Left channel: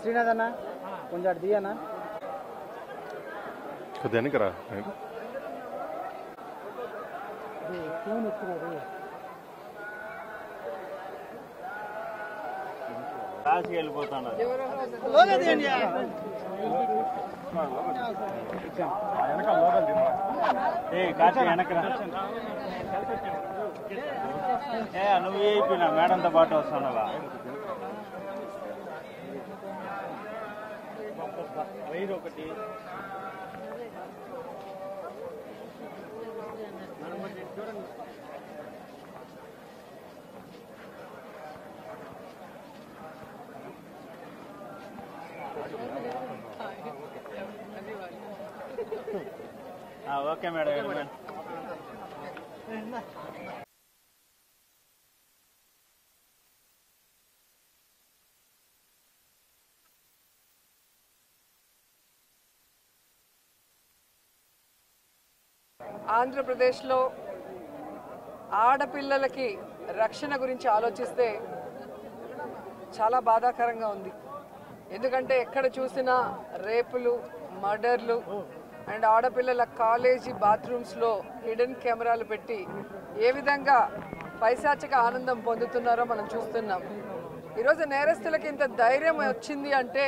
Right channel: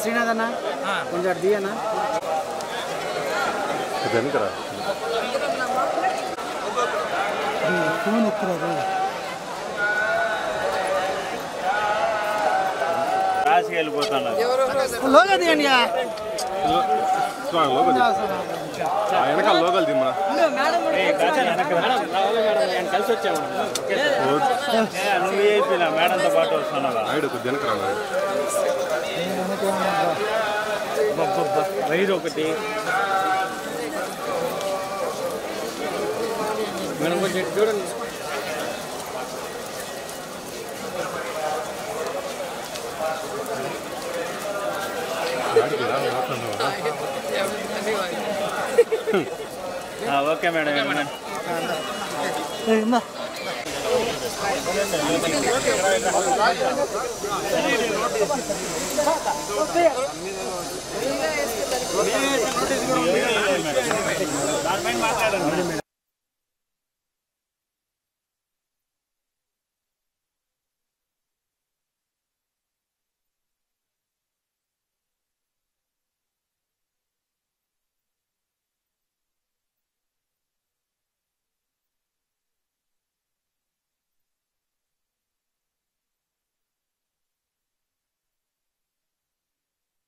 శ్రీనాథ్ అన్న కొంచెం ది అన్న ఫోన్ ఎత్తురాదు రాసి వెళ్ళిపోతాను వెనకాల లోకల్ దిమ్మా నువ్వు అయిపోయినా మేడంతో పాటు వస్తున్నావా రైడ్ ఒకటి మేడం కొంచెం చూడండి ఓకే మేడం ఆంధ్రప్రదేశ్లో ఆడపిల్లలకి రక్షణ గురించి ఆలోచిస్తే చాలా బాధాకరంగా ఉంది. ఎందుకంటే ఎక్కడ చూసినా రేపులు, మర్డర్లు అండ్ ఆడపిల్లల కాలేజీ బాత్రూమ్స్లో హిడెన్ కెమెరాలు పెట్టి ఏ విధంగా పైశాచిక ఆనందం పొందుతున్నారో మనం చూస్తున్నాం. ఈరోజు నేరస్తులకి ఇంత ధైర్యం వచ్చింది అంటే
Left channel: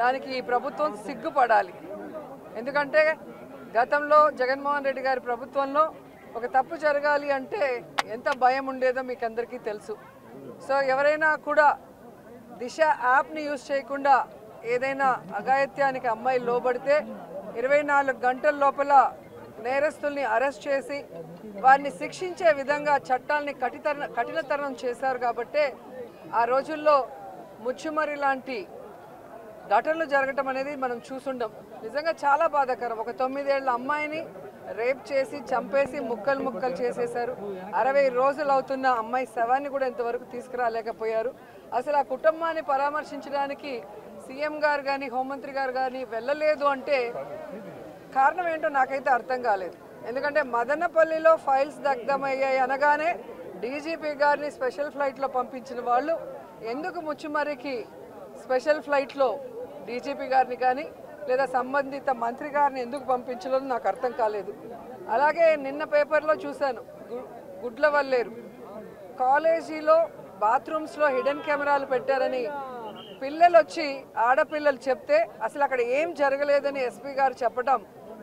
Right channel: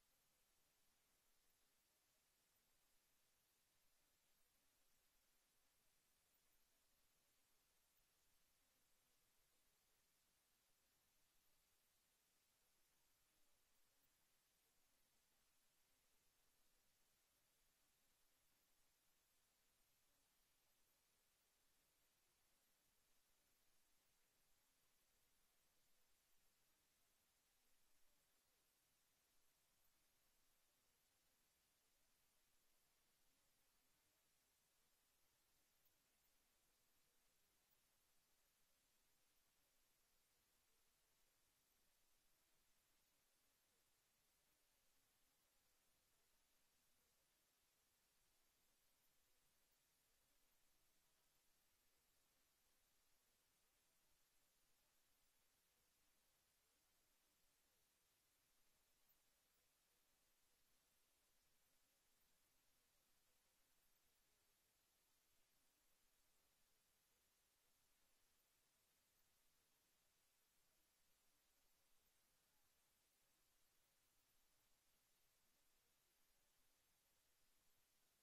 దానికి ఈ ప్రభుత్వం సిగ్గుపడాలి. ఎందుకంటే గతంలో జగన్మోహన్ రెడ్డి గారి ప్రభుత్వంలో ఒక తప్పు జరగాలి అంటే ఎంత భయం ఉండేదో మీకు అందరికీ తెలుసు. సో ఎవరైనా కూడా దిశ యాప్ని యూజ్ చేయకుండా ఏదైనా అఘాయిత్యానికి అమ్మాయి లోబడితే 24 గంటల లోపల నేరస్తుల్ని అరెస్ట్ చేసి వారిని శిక్షించే విధంగా చట్టాలని కఠినతరం చేశారు. కాబట్టి ఆ రోజుల్లో ముచ్చుమరి లాంటి ఘటనలు జరగటం అనేది మనం చూసుండం. నిజంగా చాలా బాధాకరం. ఒక 9 ఏళ్ల అమ్మాయిని రేప్ చేసి చంపేసి ముక్కలు చేసేశారు. 60 రోజులు అవుతున్న అమ్మాయి శవాన్ని కూడా ఇంతవరకు తీసుకురాలేకపోయారు. అసలు ఆ కుటుంబాన్ని పరామర్శించడానికి సీఎం గారు కానీ హోంమంత్రి గారు కానీ వెళ్ళలేదు అంటే కారణం ఏంటో నాకైతే అర్థం కాలేదు. ఎందుకంటే మదనపల్లిలో ఫైల్స్ దగ్ధమయ్యాయి అనగానే డీజీపీ గారిని స్పెషల్ ఫ్లైట్లో పంపించిన వాళ్ళు ఎందుకు ముచ్చుమరికి స్పెషల్ ఫ్లైట్లో డీజీపీ గారిని కానీ లేదా సంబంధిత మంత్రి గారిని ఎందుకు పంపించలేదు నాకు అర్థం కాలేదు. అలాగే నిన్న పేపర్లో చూశాను, గుడ్లవల్లేరు కాలేజీలో బాత్రూమ్స్లో హిడెన్ కెమెరాలు పెట్టారని పిల్లలు వచ్చి ఆడపిల్లలు చెప్తే అసలు అక్కడ ఏం జరగలేదని ఎస్పీ గారు చెప్పడం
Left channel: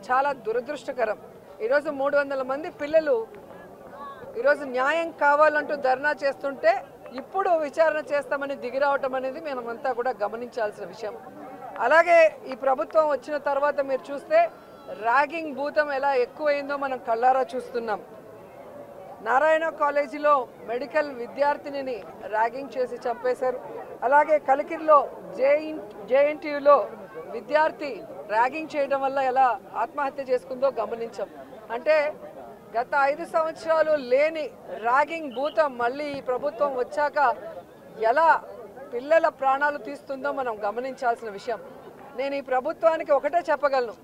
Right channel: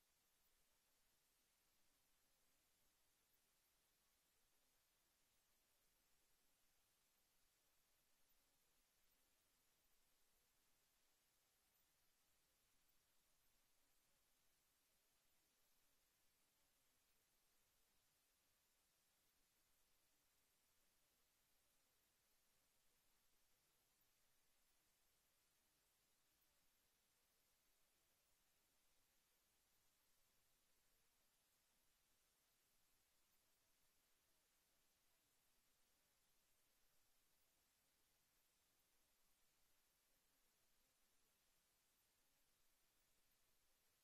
చాలా దురదృష్టకరం. ఈరోజు 300 మంది పిల్లలు ఈరోజు న్యాయం కావాలంటూ ధర్నా చేస్తుంటే ఇప్పుడు విచారణ చేస్తామని దిగిరావటం అనేది మేమంతా కూడా గమనించాల్సిన విషయం. అలాగే ఈ ప్రభుత్వం వచ్చిన తర్వాత మీరు చూస్తే ర్యాగింగ్ భూతం ఎలా ఎక్కువైందో మనం కళ్ళారా చూస్తున్నాం. నారాయణ కాలేజీలో మెడికల్ విద్యార్థినిని ర్యాగింగ్ చేసి చంపేశారు. అలాగే కలికిరిలో జేఎన్టీయూలో విద్యార్థి ర్యాగింగ్ చేయడం వల్ల ఎలా ఆత్మహత్య చేసుకుందో గమనించాం. అంటే గత 5 సంవత్సరాలు లేని ర్యాగింగ్ భూతం మళ్ళీ ఈ ప్రభుత్వం వచ్చాక ఎలా పిల్లల ప్రాణాలు తీస్తుందో మనం గమనించాల్సిన విషయం. నేను ఈ ప్రభుత్వానికి ఒకటే చెప్పగలను,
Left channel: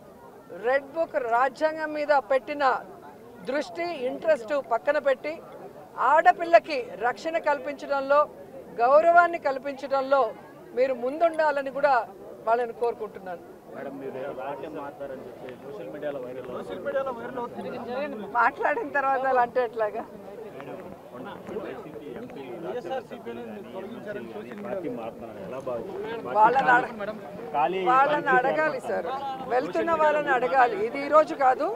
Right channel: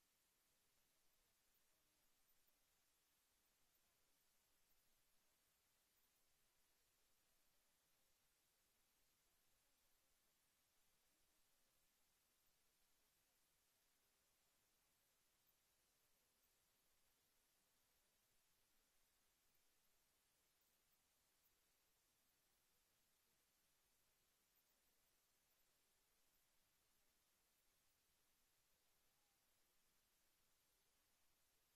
రెడ్ బుక్ రాజ్యాంగం మీద పెట్టిన దృష్టి ఇంట్రెస్ట్ పక్కన పెట్టి ఆడపిల్లకి రక్షణ కల్పించడంలో గౌరవాన్ని కల్పించడంలో మీరు ముందుండాలని కూడా వాళ్ళని కోరుకుంటున్నాను. మాట్లాడిన తర్వాత అలా అంటే ఎట్లాగా వాళ్ళని అడగాలి సార్, వెళ్తున్న వాళ్ళని అడగాలి. ఇది ఈరోజు కాదు,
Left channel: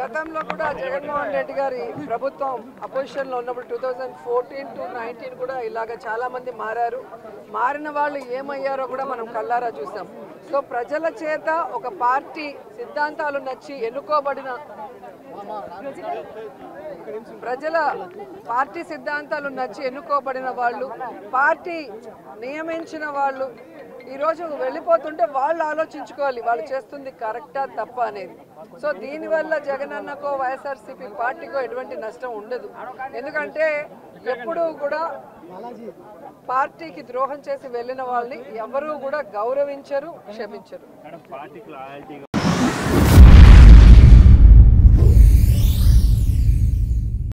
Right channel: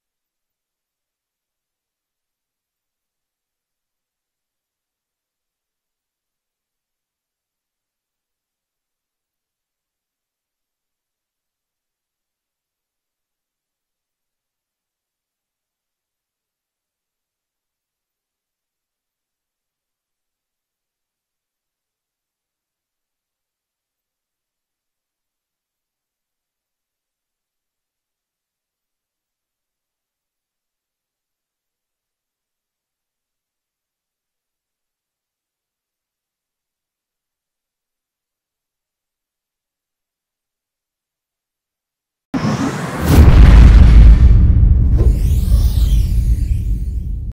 గతంలో కూడా జగన్మోహన్ రెడ్డి గారి ప్రభుత్వం అపోజిషన్లో ఉన్నప్పుడు 2014 to 19 కూడా ఇలాగ చాలామంది మారారు. మారిన వాళ్ళు ఏమయ్యారో కూడా మనం కళ్ళారా చూసాం. సో ప్రజల చేత ఒక పార్టీ సిద్ధాంతాలు నచ్చి ఎన్నుకోబడిన ప్రజల పార్టీ సిద్ధాంతాలు నచ్చి ఎన్నుకోబడిన వాళ్ళు, పార్టీ నియమించిన వాళ్ళు ఈరోజు వెళ్ళిపోతుంటే వాళ్ళు ఆలోచించుకోవాలి వాళ్ళు చేస్తుంది కరెక్టా తప్ప అనేది. సో దీనివల్ల జగనన్నకో వైఎస్ఆర్సీపీ పార్టీకో ఎటువంటి నష్టం ఉండదు. ఎందుకంటే ఎప్పుడూ కూడా పార్టీకి ద్రోహం చేసి వెళ్ళిన వాళ్ళని ఎవరూ కూడా గౌరవించరు, క్షమించరు. పార్టీకి లాయల్టీ